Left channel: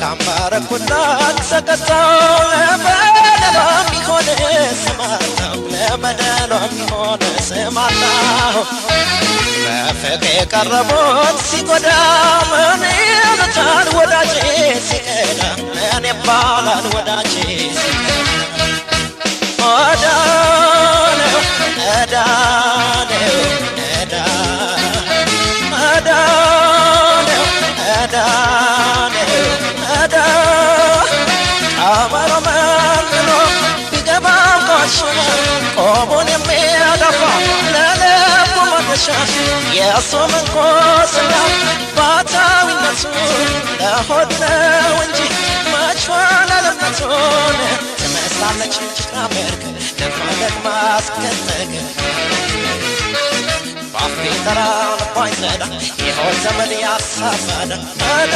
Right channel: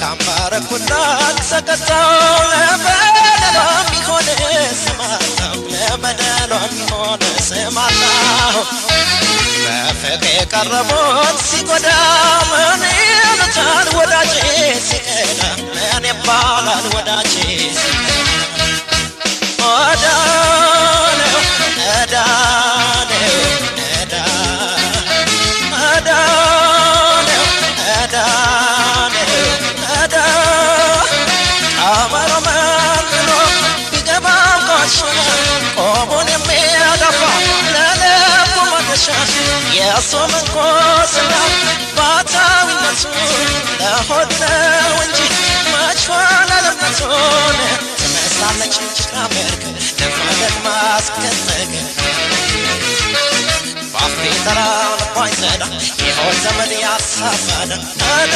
ካምባረ ኩላት ተቀጣው ለበደሏም ቢሆን ስማታው ለበደሏም ቢሆን ስማታው በፍቅር የቀረቡት ሲጎዳ ምን ይሉታል ወዳጄ ሲከዳ ምን ይባላል ወዳጄ ወዳነው እዳነው እዳነው እዳነው እዳ አማሮ መንኖ ቢገባው ቆሽ ቆሙን የሚያደፋ ለልቡ መገሻ የእሱ መንኮስና ባታዊነቱ ለሆድ ነው እንጂ መችኋል አለመቱን ትመስላለች ጭቃመርክ ደግማ አስገነገ ባፌ ተራ ልቧ ይዘዳ ይሆን ዘመድ ያሳመደ